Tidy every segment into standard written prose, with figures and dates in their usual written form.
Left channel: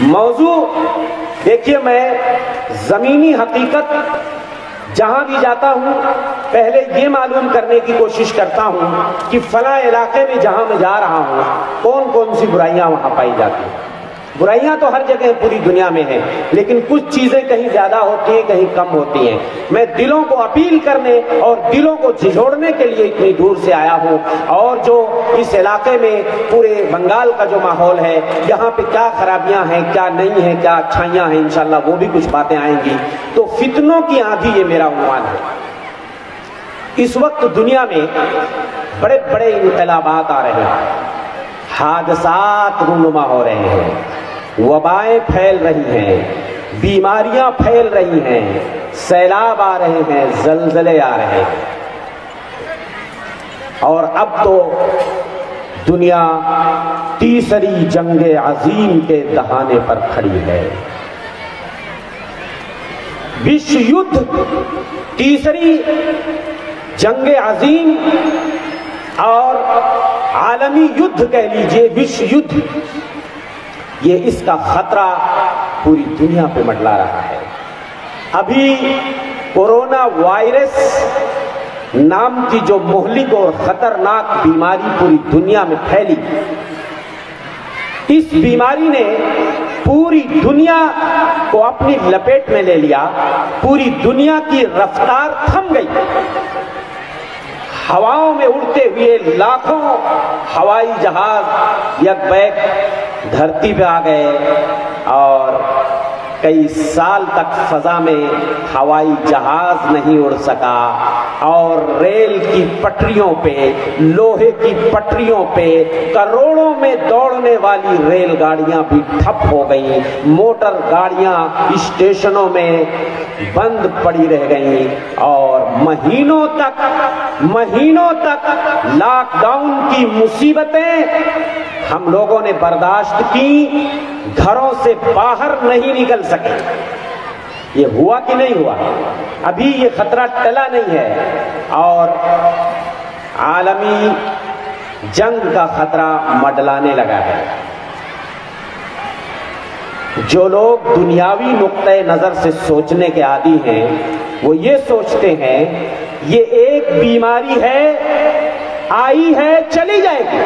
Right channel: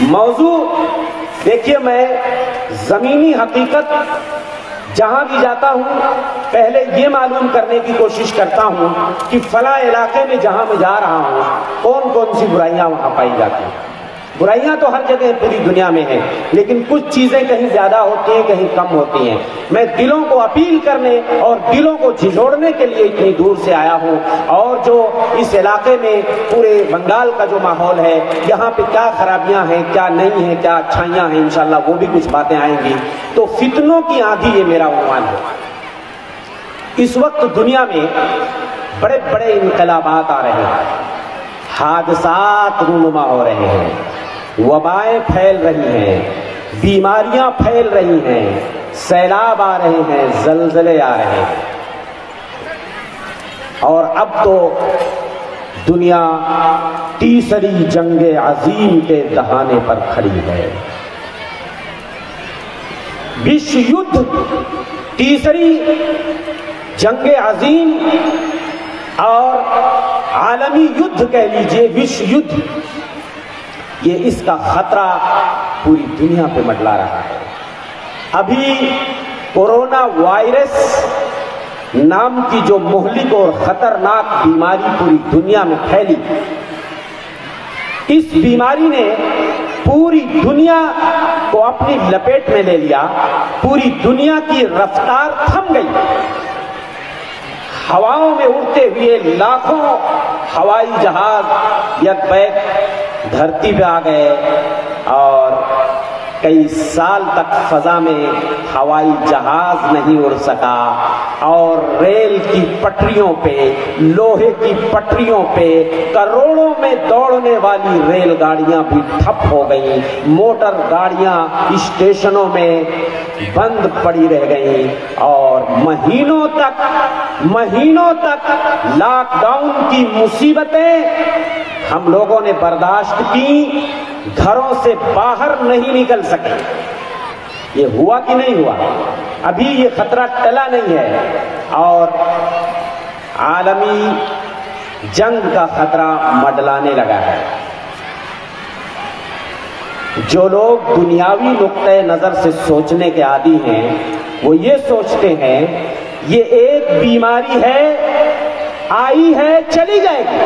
موضوع دیکھیے، میں زمینی حقیقت جہاں بھی جاتا ہوں پہلے یہ معلوم کرنے کی کوشش کرتا ہوں کہ فلاں علاقے میں جہاں میں جا رہا ہوں کون کون سی برائیاں وہاں پائی جاتی ہیں۔ برائیاں تو ہر جگہ پوری دنیا میں ہیں، لیکن کچھ چیزیں کہیں زیادہ ہوتی ہیں کہیں کم ہوتی ہیں۔ میں دلوں کو اپیل کرنے اور دلوں کو جھنجھوڑنے کے لیے اتنی دور سے آیا ہوں، اور جو اس علاقے میں پورے بنگال کا جو ماحول ہے، یہاں پہ کیا خرابیاں ہیں کیا نہیں ہیں کیا اچھائیاں ہیں، انشاءاللہ وہ بھی کچھ باتیں آئیں گی۔ تو فتنوں کی آندھی یہ میرا عنوان ہے۔ اس وقت دنیا میں بڑے بڑے انقلابات آ رہے ہیں، حادثات رونما ہو رہے ہیں، وبائیں پھیل رہی ہیں، بیماریاں پھیل رہی ہیں، سیلاب آ رہے ہیں، زلزلے آ رہے ہیں، اور اب تو دنیا تیسری جنگ عظیم کے دہانے پر کھڑی ہے۔ وشو یدھ، تیسری جنگ عظیم اور عالمی یدھ کہہ لیجئے، وشو یدھ، یہ اس کا خطرہ پوری دنیا پہ منڈلا رہا ہے۔ ابھی کورونا وائرس نام کی جو مہلک اور خطرناک بیماری پوری دنیا میں پھیلی، اس بیماری نے پوری دنیا کو اپنی لپیٹ میں لے لیا، پوری دنیا کی رفتار تھم گئی۔ ہواؤں میں اڑتے ہوئے لاکھوں ہوائی جہاز یک بیک دھرتی پہ آ گئے، اور کئی سال تک فضا میں ہوائی جہاز نہیں اڑ سکا، اور ریل کی پٹریوں پہ، لوہے کی پٹریوں پہ کروڑوں میں دوڑنے والی ریل گاڑیاں بھی ٹھپ ہو گئیں، موٹر گاڑیاں اسٹیشنوں میں بند پڑی رہ گئیں، اور مہینوں تک لاک ڈاؤن کی مصیبتیں ہم لوگوں نے برداشت کی، گھروں سے باہر نہیں نکل سکے۔ یہ ہوا کہ نہیں ہوا؟ ابھی یہ خطرہ ٹلا نہیں ہے، اور عالمی جنگ کا خطرہ منڈلانے لگا ہے۔ جو لوگ دنیاوی نقطۂ نظر سے سوچنے کے عادی ہیں، وہ یہ سوچتے ہیں یہ ایک بیماری ہے، آئی ہے چلی جائے گی۔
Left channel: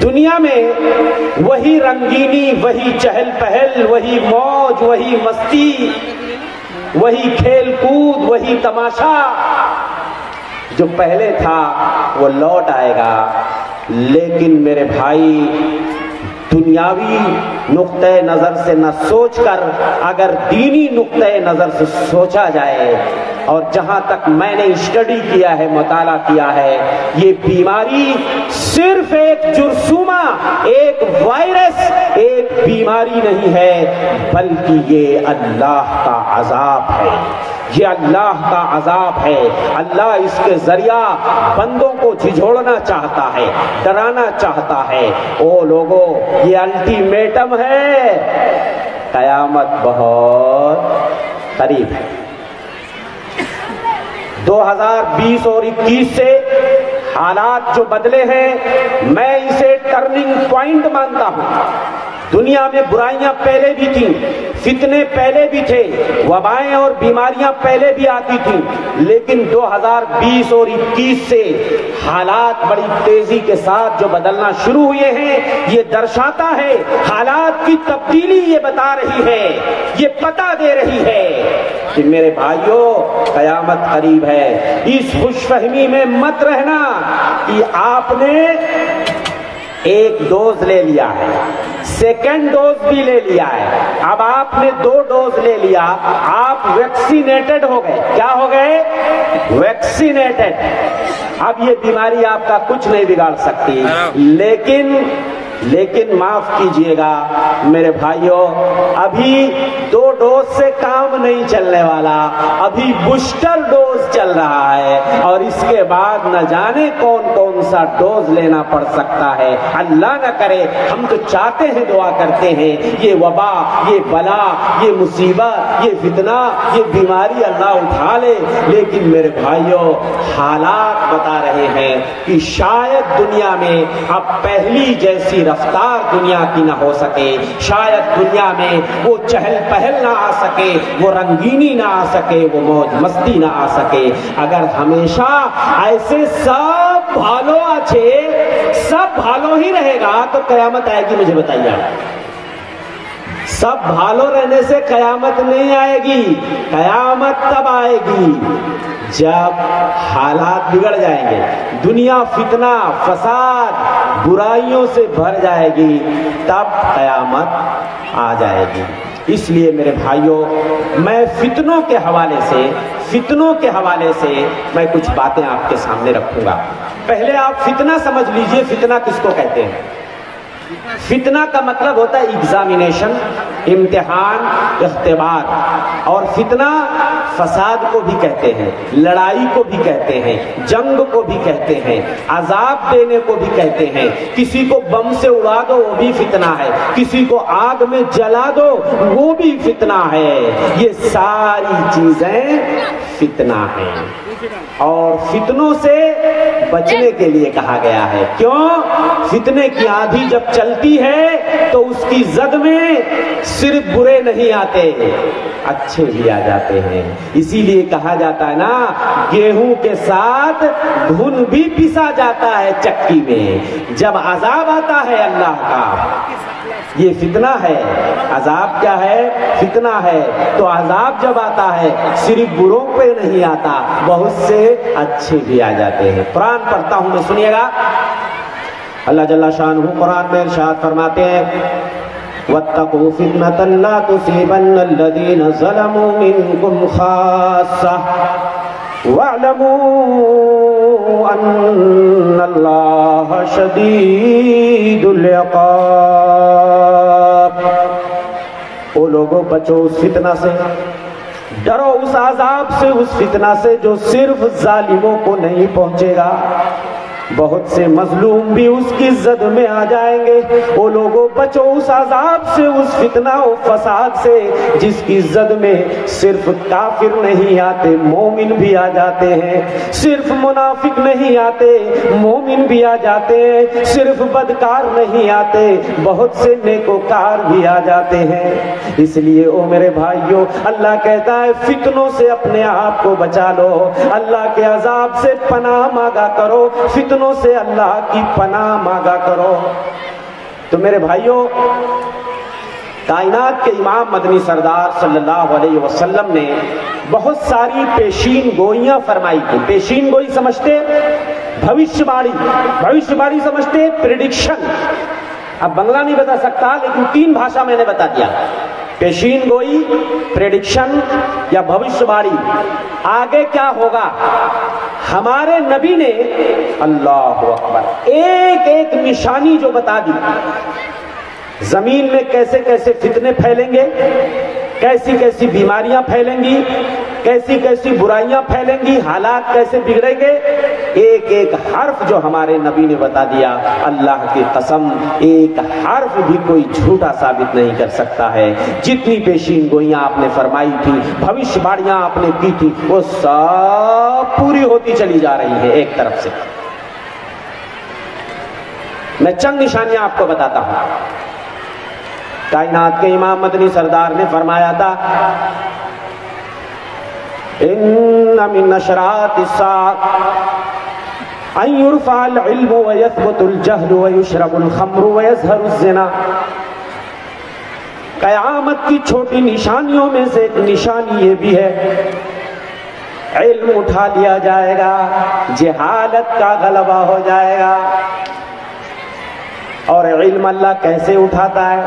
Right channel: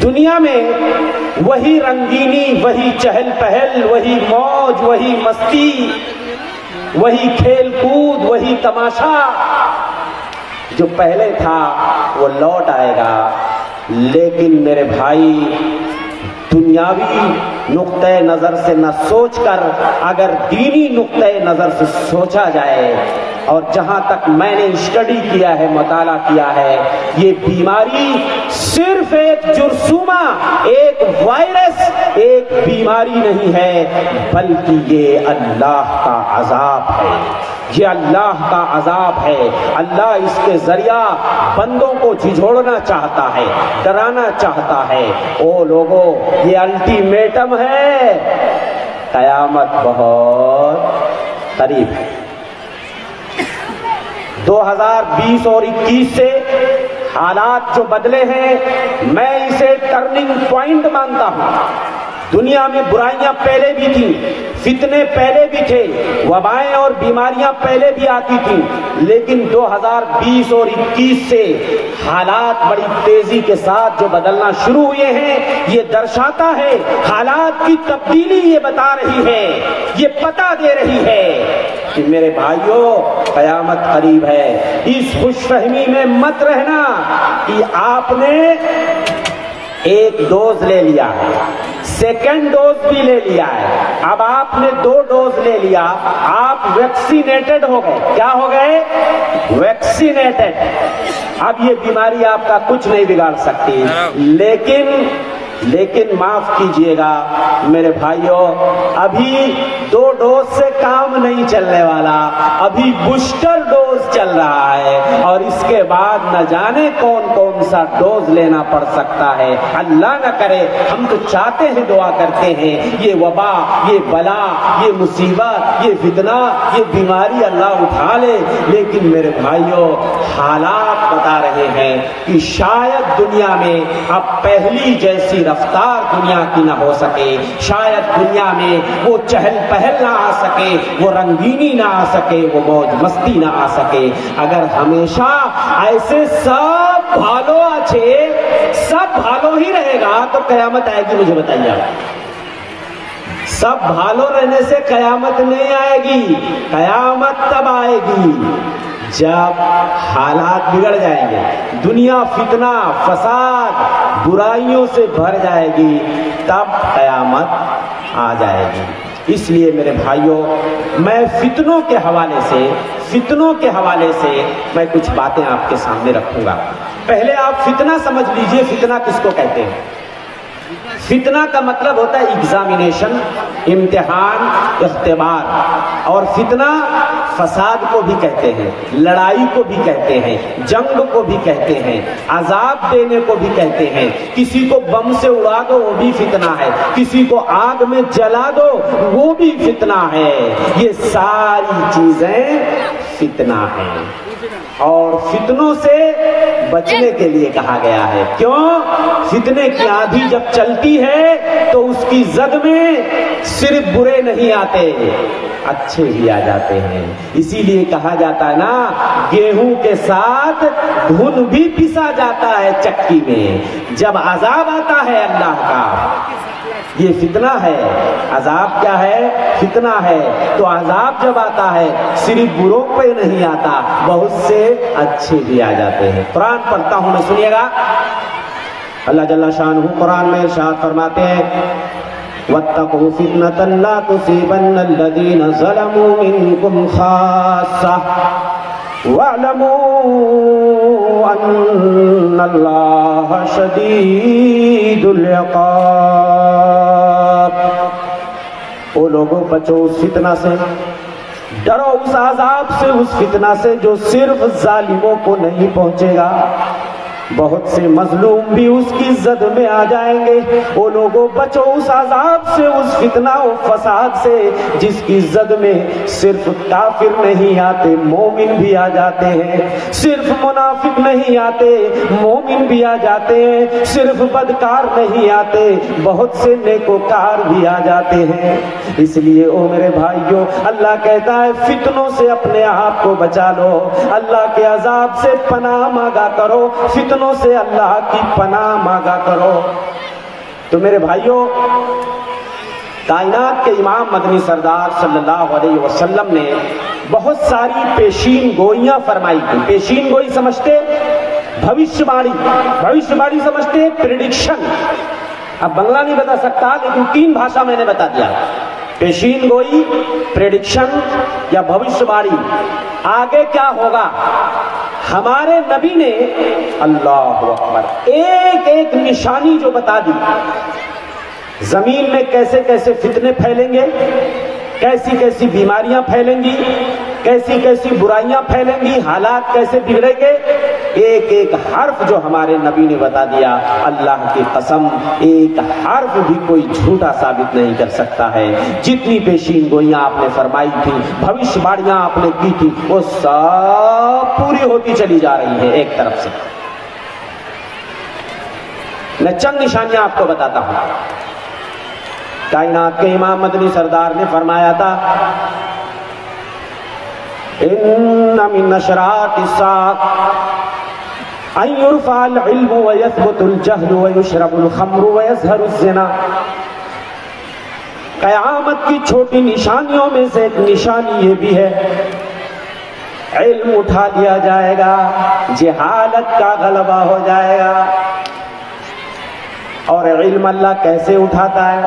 دنیا میں وہی رنگینی، وہی چہل پہل، وہی موج، وہی مستی، وہی کھیل کود، وہی تماشا جو پہلے تھا وہ لوٹ آئے گا۔ لیکن میرے بھائی، دنیاوی نقطۂ نظر سے نہ سوچ کر اگر دینی نقطۂ نظر سے سوچا جائے، اور جہاں تک میں نے اسٹڈی کیا ہے، مطالعہ کیا ہے، یہ بیماری صرف ایک جرثومہ، ایک وائرس، ایک بیماری نہیں ہے، بلکہ یہ اللہ کا عذاب ہے۔ یہ اللہ کا عذاب ہے۔ اللہ اس کے ذریعہ بندوں کو جھنجھوڑنا چاہتا ہے، ڈرانا چاہتا ہے۔ او لوگوں، یہ الٹیمیٹم ہے، قیامت بہت قریب ہے۔ 2020 اور 21 سے حالات جو بدلے ہیں، میں اسے ٹرننگ پوائنٹ مانتا ہوں۔ دنیا میں برائیاں پہلے بھی تھیں، فتنے پہلے بھی تھے، وبائیں اور بیماریاں پہلے بھی آتی تھیں، لیکن 2020 اور 21 سے حالات بڑی تیزی کے ساتھ جو بدلنا شروع ہوئے ہیں، یہ درشاتا ہے، حالات کی تبدیلی یہ بتا رہی ہے، یہ پتہ دے رہی ہے کہ میرے بھائیوں، قیامت قریب ہے۔ اس خوش فہمی میں مت رہنا کہ آپ نے ایک ڈوز لے لیا ہے، سیکنڈ ڈوز بھی لے لیا ہے، اب آپ نے 2 ڈوز لے لیا، آپ ویکسینیٹڈ ہو گئے۔ کیا ہو گئے؟ ویکسینیٹڈ۔ اب یہ بیماری آپ کا کچھ نہیں بگاڑ سکتی، لیکن معاف کیجئے گا میرے بھائیوں، ابھی 2 ڈوز سے کام نہیں چلنے والا، ابھی بوسٹر ڈوز چل رہا ہے، اور اس کے بعد نہ جانے کون کون سا ڈوز لینا پڑ سکتا ہے۔ اللہ نہ کرے، ہم تو چاہتے ہیں، دعا کرتے ہیں، یہ وبا، یہ بلا، یہ مصیبت، یہ فتنہ، یہ بیماری اللہ اٹھا لے، لیکن میرے بھائیوں، حالات بتا رہے ہیں کہ شاید دنیا میں اب پہلی جیسی رفتار دنیا کی نہ ہو سکے، شاید دنیا میں وہ چہل پہل نہ آ سکے، وہ رنگینی نہ آ سکے، وہ موج مستی نہ آ سکے۔ اگر ہمیشہ ایسے سب بھالو اچھے سب بھالو ہی رہے گا تو قیامت آئے گی؟ مجھے بتائیے، سب بھالو رہنے سے قیامت نہیں آئے گی۔ قیامت تب آئے گی جب حالات بگڑ جائیں گے، دنیا فتنہ فساد برائیوں سے بھر جائے گی، تب قیامت آ جائے گی۔ اس لیے میرے بھائیوں، میں فتنوں کے حوالے سے میں کچھ باتیں آپ کے سامنے رکھوں گا۔ پہلے آپ فتنہ سمجھ لیجئے، فتنہ کس کو کہتے ہیں؟ فتنہ کا مطلب ہوتا ہے ایگزامینیشن، امتحان، اختبار، اور فتنہ فساد کو بھی کہتے ہیں، لڑائی کو بھی کہتے ہیں، جنگ کو بھی کہتے ہیں، عذاب دینے کو بھی کہتے ہیں۔ کسی کو بم سے اڑا دو وہ بھی فتنہ ہے، کسی کو آگ میں جلا دو وہ بھی فتنہ ہے۔ یہ ساری چیزیں فتنہ ہیں، اور فتنوں سے بچنے کے لیے کہا گیا ہے۔ کیوں؟ فتنے کی آندھی جب چلتی ہے تو اس کی زد میں صرف برے نہیں آتے، اچھے بھی آ جاتے ہیں۔ اسی لیے کہا جاتا ہے نا، گیہوں کے ساتھ دھن بھی پسا جاتا ہے چکی میں۔ جب عذاب آتا ہے اللہ کا، یہ فتنہ ہے۔ عذاب کیا ہے؟ فتنہ ہے۔ تو عذاب جب آتا ہے صرف بروں پہ نہیں آتا، بہت سے اچھے بھی آ جاتے ہیں۔ قرآن پڑھتا ہوں میں، سنیے گا۔ اللہ جل شانہ قرآن میں ارشاد فرماتے ہیں، وَاتَّقُوا فِتْنَةً لَا تُصِيبَنَّ الَّذِينَ ظَلَمُوا مِنكُمْ خَاصَّةً وَاعْلَمُوا أَنَّ اللَّهَ شَدِيدُ الْعِقَابِ۔ او لوگوں، بچو اس فتنہ سے، ڈرو اس عذاب سے، اس فتنہ سے جو صرف ظالموں کو نہیں پہنچے گا، بہت سے مظلوم بھی اس کی زد میں آ جائیں گے۔ وہ لوگوں، بچو اس عذاب سے، اس فتنہ و فساد سے جس کی زد میں صرف کافر نہیں آتے، مومن بھی آ جاتے ہیں، صرف منافق نہیں آتے، مومن بھی آ جاتے ہیں، صرف بدکار نہیں آتے، بہت سے نیکوکار بھی آ جاتے ہیں۔ اس لیے او میرے بھائیوں، اللہ کہتا ہے فتنوں سے اپنے آپ کو بچا لو، اللہ کے عذاب سے پناہ مانگا کرو، فتنوں سے اللہ کی پناہ مانگا کرو۔ تو میرے بھائیوں، کائنات کے امام مدنی سردار صلی اللہ علیہ وسلم نے بہت ساری پیشین گوئیاں فرمائی تھی۔ پیشین گوئی سمجھتے؟ بھوشیہ بانی سمجھتے؟ پریڈکشن۔ اب بنگلہ نہیں بتا سکتا لیکن 3 بھاشا میں نے بتا دیا۔ پیشین گوئی، پریڈکشن یا بھوشیہ بانی، آگے کیا ہوگا۔ ہمارے نبی نے اللہ اکبر ایک ایک نشانی جو بتا دی، زمین میں کیسے کیسے فتنے پھیلیں گے، کیسی کیسی بیماریاں پھیلیں گی، کیسی کیسی برائیاں پھیلیں گی، حالات کیسے بگڑیں گے، ایک ایک حرف جو ہمارے نبی نے بتا دیا، اللہ کی قسم ایک حرف بھی کوئی جھوٹا ثابت نہیں کر سکتا ہے۔ جتنی پیشین گوئیاں آپ نے فرمائی تھی، بھوشیہ باڑیاں آپ نے کی تھی، وہ سب پوری ہوتی چلی جا رہی ہے ایک طرف سے۔ میں چند نشانیاں آپ کو بتاتا ہوں۔ کائنات کے امام مدنی سردار نے فرمایا تھا، ان من اشراط الساعة ان يرفع العلم ويثبت الجهل ويشرب الخمر ويظهر الزنا۔ قیامت کی چھوٹی نشانیوں میں سے ایک نشانی یہ بھی ہے، علم اٹھا لیا جائے گا، جہالت کا غلبہ ہو جائے گا۔ اور علم اللہ کیسے اٹھاتا ہے؟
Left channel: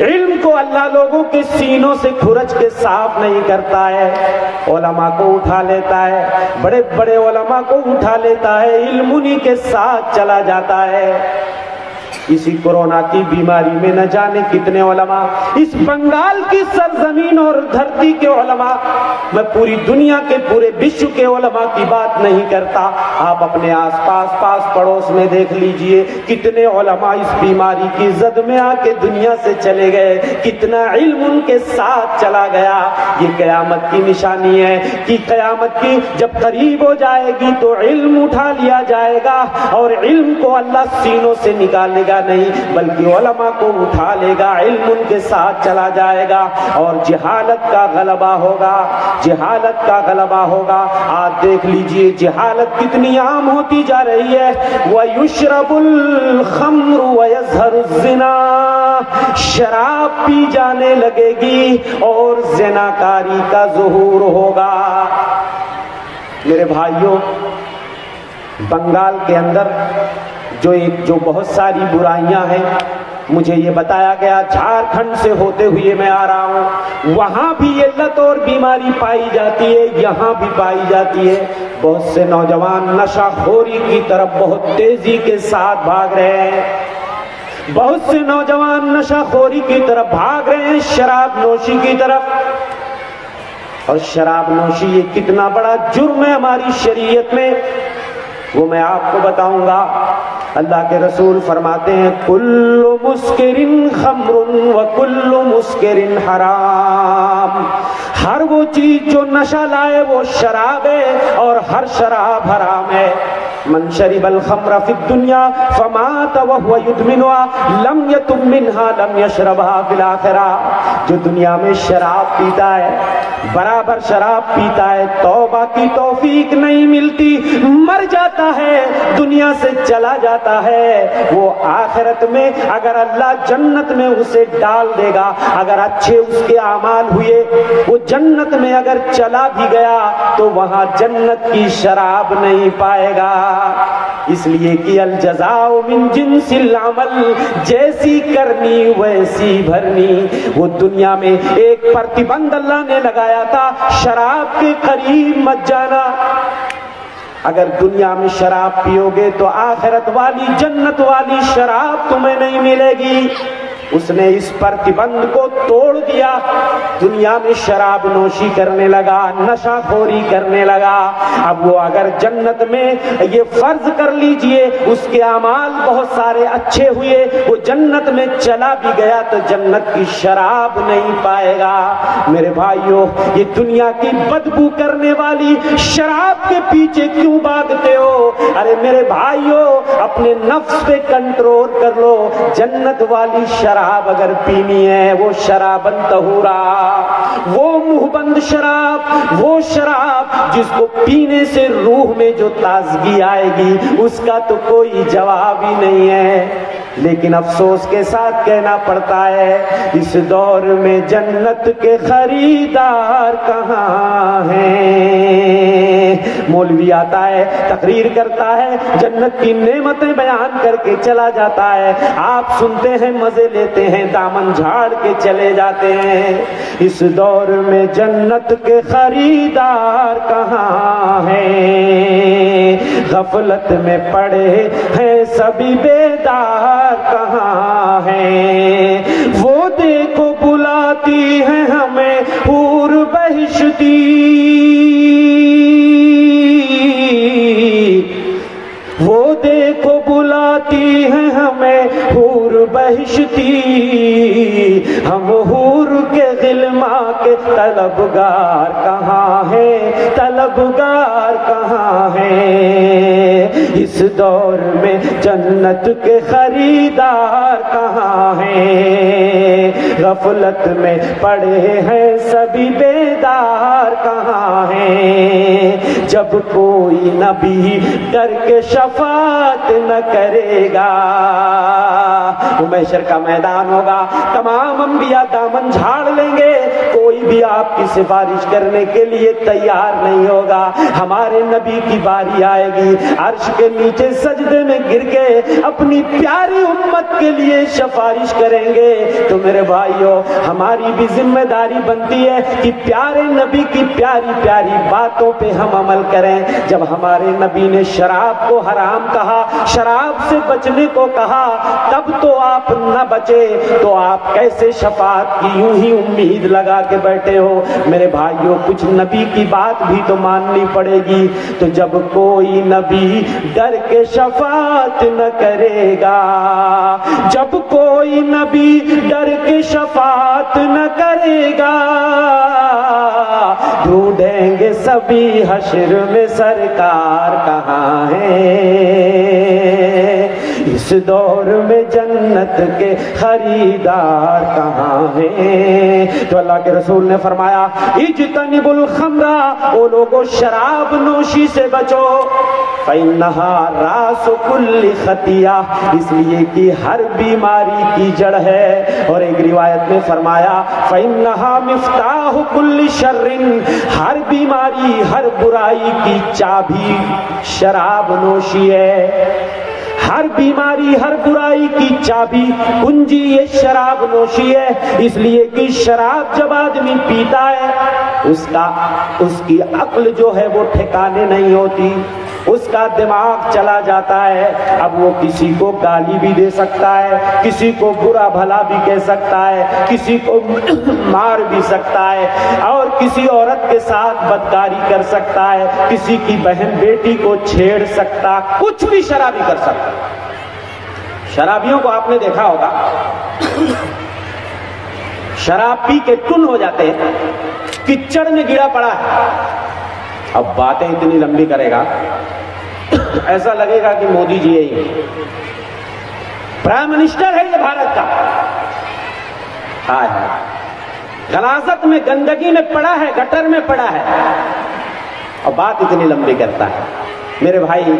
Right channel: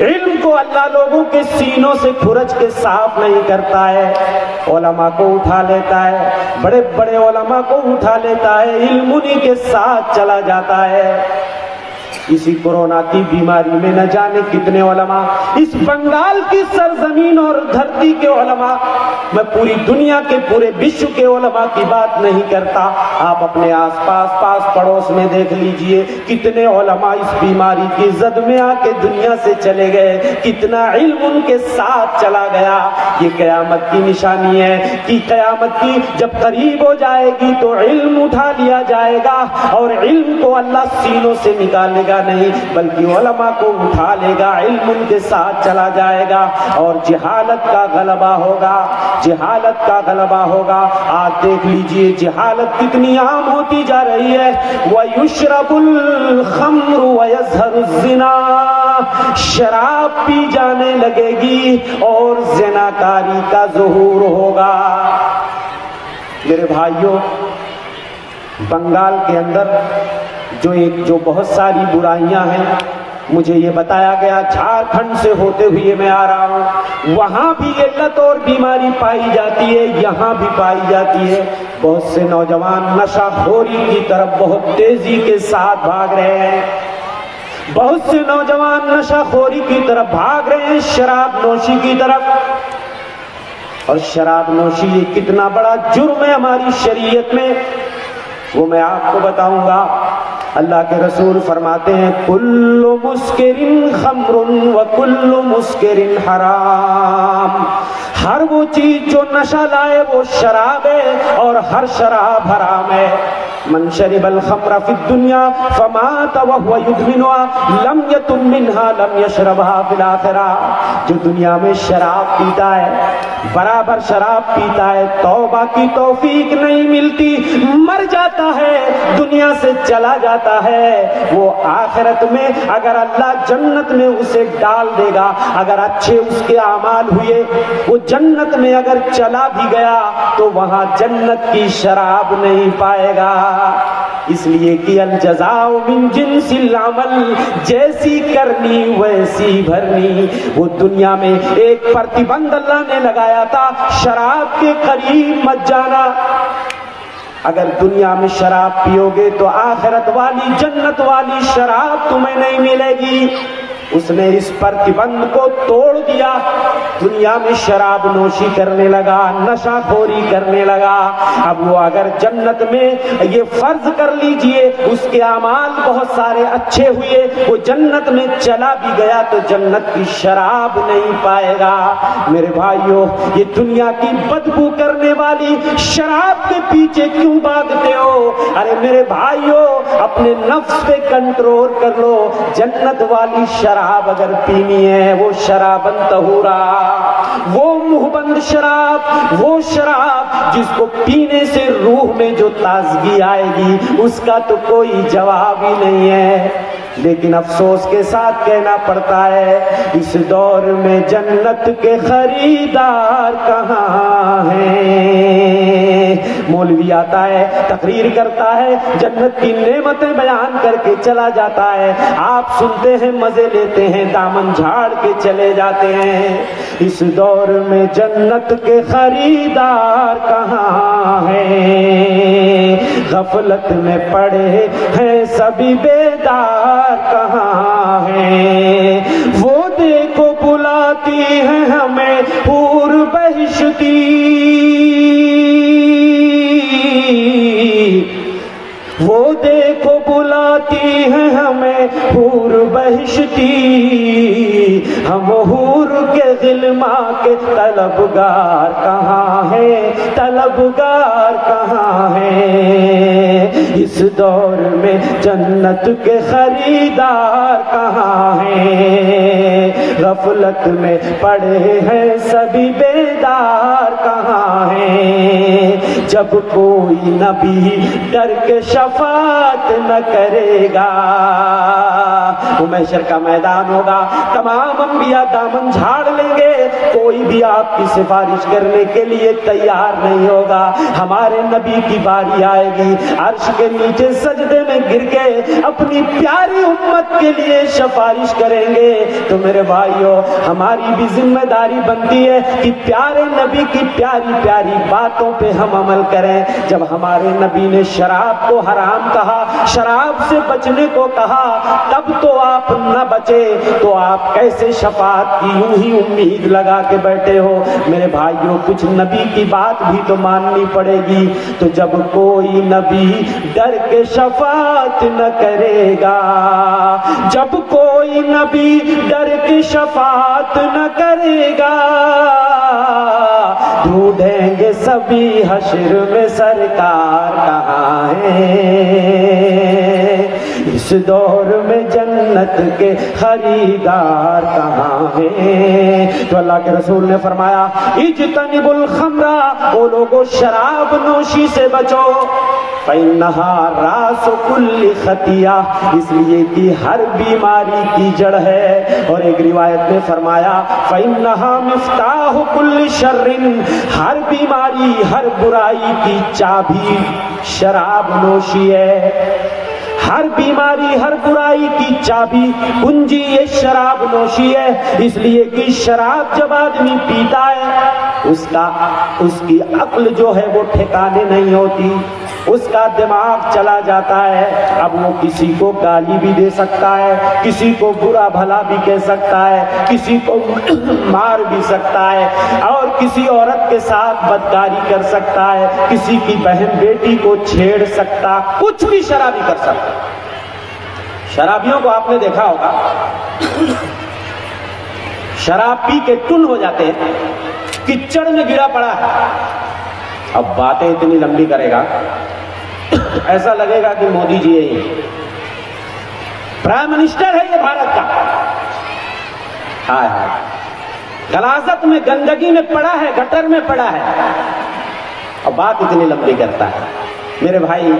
علم کو اللہ لوگوں کے سینوں سے کھرچ کے صاف نہیں کرتا ہے، علماء کو اٹھا لیتا ہے، بڑے بڑے علماء کو اٹھا لیتا ہے، علم انہی کے ساتھ چلا جاتا ہے۔ اسی کورونا کی بیماری میں نہ جانے کتنے علماء، اس بنگال کی سرزمین اور دھرتی کے علماء، میں پوری دنیا کے پورے وشو کے علماء کی بات نہیں کرتا، آپ اپنے آس پاس پڑوس میں دیکھ لیجئے کتنے علماء اس بیماری کی زد میں آ کے دنیا سے چلے گئے، کتنا علم ان کے ساتھ چلا گیا۔ یہ قیامت کی نشانی ہے کہ قیامت کی جب قریب ہو جائے گی تو علم اٹھا لیا جائے گا اور علم کو اللہ سینوں سے نکال لے گا۔ گا نہیں بلکہ علماء کو اٹھا لے گا، علم ان کے ساتھ چلا جائے گا اور جہالت کا غلبہ ہوگا، جہالت کا غلبہ ہوگا۔ آپ دیکھ لیجئے جہالت کتنی عام ہوتی جا رہی ہے۔ وَيُشْرَبُ الْخَمْرُ وَيَظْهَرُ الزِّنَا، شراب پی جانے لگے گی اور زناکاری کا ظہور ہوگا۔ میرے بھائیوں، بنگال کے اندر جو بہت ساری برائیاں ہیں، مجھے یہ بتایا گیا جھارکھنڈ سے ہوتے ہوئے میں آ رہا ہوں، وہاں بھی یہ لت اور بیماری پائی جاتی ہے، یہاں بھی پائی جاتی ہے۔ بہت سے نوجوان نشہ خوری کی طرف بہت تیزی کے ساتھ بھاگ رہے ہیں، بہت سے نوجوان نشہ خوری کی طرف بھاگ رہے ہیں، شراب نوشی کی طرف۔ اور شراب نوشی یہ کتنا بڑا جرم ہے ہماری شریعت میں، وہ میں آپ کو بتاؤں گا۔ اللہ کے رسول فرماتے ہیں کل مسکر خمر وکل مسکر حرام، ہر وہ چیز جو نشہ لائے وہ شراب ہے اور ہر شراب حرام ہے۔ من شرب الخمر فی الدنیا فمات وهو يدمنها لم يتم منها لم يشربها فی الآخرہ، جو دنیا میں شراب پیتا ہے، برابر شراب پیتا ہے، توبہ کی توفیق نہیں ملتی، مر جاتا ہے، دنیا سے چلا جاتا ہے، وہ آخرت میں اگر اللہ جنت میں اسے ڈال دے گا، اگر اچھے اس کے اعمال ہوئے، وہ جنت میں اگر چلا بھی گیا تو وہاں جنت کی شراب نہیں پائے گا۔ اس لیے کہ الجزاء من جنس العمل، جیسی کرنی ویسی بھرنی۔ وہ دنیا میں ایک پرتیبند اللہ نے لگایا تھا، شراب کے قریب مت جانا۔ اگر دنیا میں شراب پیو گے تو آخرت والی جنت والی شراب تمہیں نہیں ملے گی۔ اس نے اس پرتیبند کو توڑ دیا، دنیا میں شراب نوشی کرنے لگا، نشہ خوری کرنے لگا۔ اب وہ اگر جنت میں، یہ فرض کر لیجئے اس کے اعمال بہت سارے اچھے ہوئے، وہ جنت میں چلا بھی گیا تو جنت کی شراب نہیں پائے گا۔ میرے بھائیوں، یہ دنیا کی بدبو کرنے والی شراب کے پیچھے کیوں بھاگتے ہو؟ ارے میرے بھائیوں، اپنے نفس پہ کنٹرول کر لو۔ جنت والی شراب اگر پینی ہے، وہ شرابن طہورا، وہ منہ بند شراب، وہ شراب جس کو پینے سے روح میں جو تازگی آئے گی، اس کا تو کوئی جواب ہی نہیں ہے۔ لیکن افسوس کے ساتھ کہنا پڑتا ہے اس دور میں جنت کے خریدار کہاں ہیں؟ مولوی آتا ہے، تقریر کرتا ہے، جنت کی نعمتیں بیان کر کے چلا جاتا ہے، آپ سنتے ہیں، مزے لیتے ہیں، دامن جھاڑ کے چلے جاتے ہیں۔ اس دور میں جنت کے خریدار کہاں ہیں؟ غفلت میں پڑے ہیں سبھی بیدار کہاں ہیں؟ وہ دیکھو بلاتی ہیں ہمیں حور بہشتی، وہ دیکھو بلاتی ہیں ہمیں حور بہشتی، ہم حور کے غلما کے طلبگار کہاں ہیں؟ طلبگار کہاں ہیں؟ اس دور میں جنت کے خریدار کہاں ہیں؟ غفلت میں پڑے ہیں سبھی بیدار کہاں ہیں؟ جب کوئی نبی ڈر کے شفاعت نہ کرے گا، وہ محشر کا میدان ہوگا، تمام انبیاء دامن جھاڑ لیں گے، کوئی بھی آپ کی سفارش کرنے کے لیے تیار نہیں ہوگا۔ ہمارے نبی کی باری آئے گی، عرش کے نیچے سجدے میں گر کے اپنی پیاری امت کے لیے سفارش کریں گے۔ تو میرے بھائیوں، ہماری بھی ذمہ داری بنتی ہے کہ پیارے نبی کی پیاری پیاری باتوں پہ ہم عمل کریں۔ جب ہمارے نبی نے شراب کو حرام کہا، شراب سے بچنے کو کہا، تب تو آپ نہ بچے تو آپ کیسے شفاعت کی یوں ہی امید لگا کے بیٹھے ہو؟ میرے بھائیوں، کچھ نبی کی بات بھی تو ماننی پڑے گی۔ تو جب کوئی نبی ڈر کے شفاعت نہ کرے گا، جب کوئی نبی ڈر کے شفاعت نہ کرے گا، ڈھونڈیں گے سبھی حشر میں سرکار کہاں ہے؟ اس دور میں جنت کے خریدار کہاں ہیں؟ تو اللہ کے رسول نے فرمایا اجتنبوا الخمر، او لوگوں شراب نوشی سے بچو، فإنها راس كل خطیہ، اس لیے کہ ہر بیماری کی جڑ ہے۔ اور ایک روایت میں فرمایا فإنها مفتاح كل شر، ہر بیماری ہر برائی کی چابی شراب نوشی ہے۔ ہر بیماری ہر برائی کی چابی کنجی یہ شراب نوشی ہے، اس لیے کہ شراب جب آدمی پیتا ہے اس کی عقل جو ہے وہ ٹھکانے نہیں ہوتی، اس کا دماغ چلا جاتا ہے۔ اب وہ کسی کو گالی بھی دے سکتا ہے، کسی کو برا بھلا بھی کہہ سکتا ہے، کسی کو مار بھی سکتا ہے، اور کسی عورت کے ساتھ بدکاری کر سکتا ہے، کسی کی بہن بیٹی کو چھیڑ سکتا، کچھ بھی شرابی کر سکتا۔ شرابیوں کو آپ نے دیکھا ہوگا شراب پی کے ٹن ہو جاتے ہیں، کچڑ میں گرا پڑا ہے، اب باتیں اتنی لمبی کرے گا ایسا لگے گا کہ مودی جی ہے، پرائم منسٹر ہے یہ بھارت کا، ہائے ہائے غلاظت میں گندگی میں پڑا ہے، گٹر میں پڑا ہے، اور بات اتنی لمبی کرتا ہے۔ میرے بھائی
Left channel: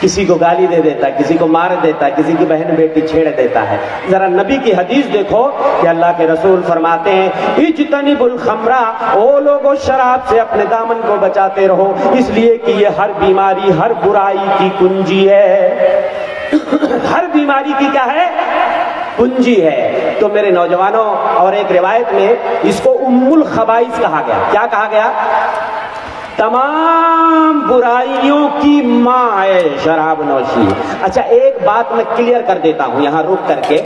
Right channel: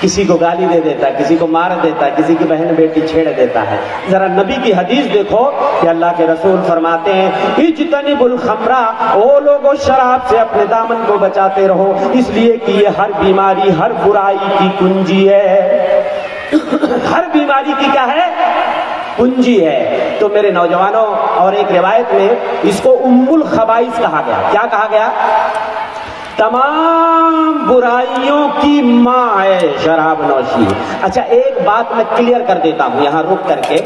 کسی کو گالی دے دیتا ہے، کسی کو مار دیتا ہے، کسی کی بہن بیٹی چھیڑ دیتا ہے۔ ذرا نبی کی حدیث دیکھو کہ اللہ کے رسول فرماتے ہیں اجتنبوا الخمر، او لوگوں شراب سے اپنے دامن کو بچاتے رہو، اس لیے کہ یہ ہر بیماری ہر برائی کی کنجی ہے۔ ہر بیماری کی کیا ہے؟ کنجی ہے۔ تو میرے نوجوانوں، اور ایک روایت میں اس کو ام الخبائث کہا گیا۔ کیا کہا گیا؟ تمام برائیوں کی ماں ہے شراب نوشی۔ اچھا ایک بات میں کلیئر کر دیتا ہوں یہاں رک کر کے،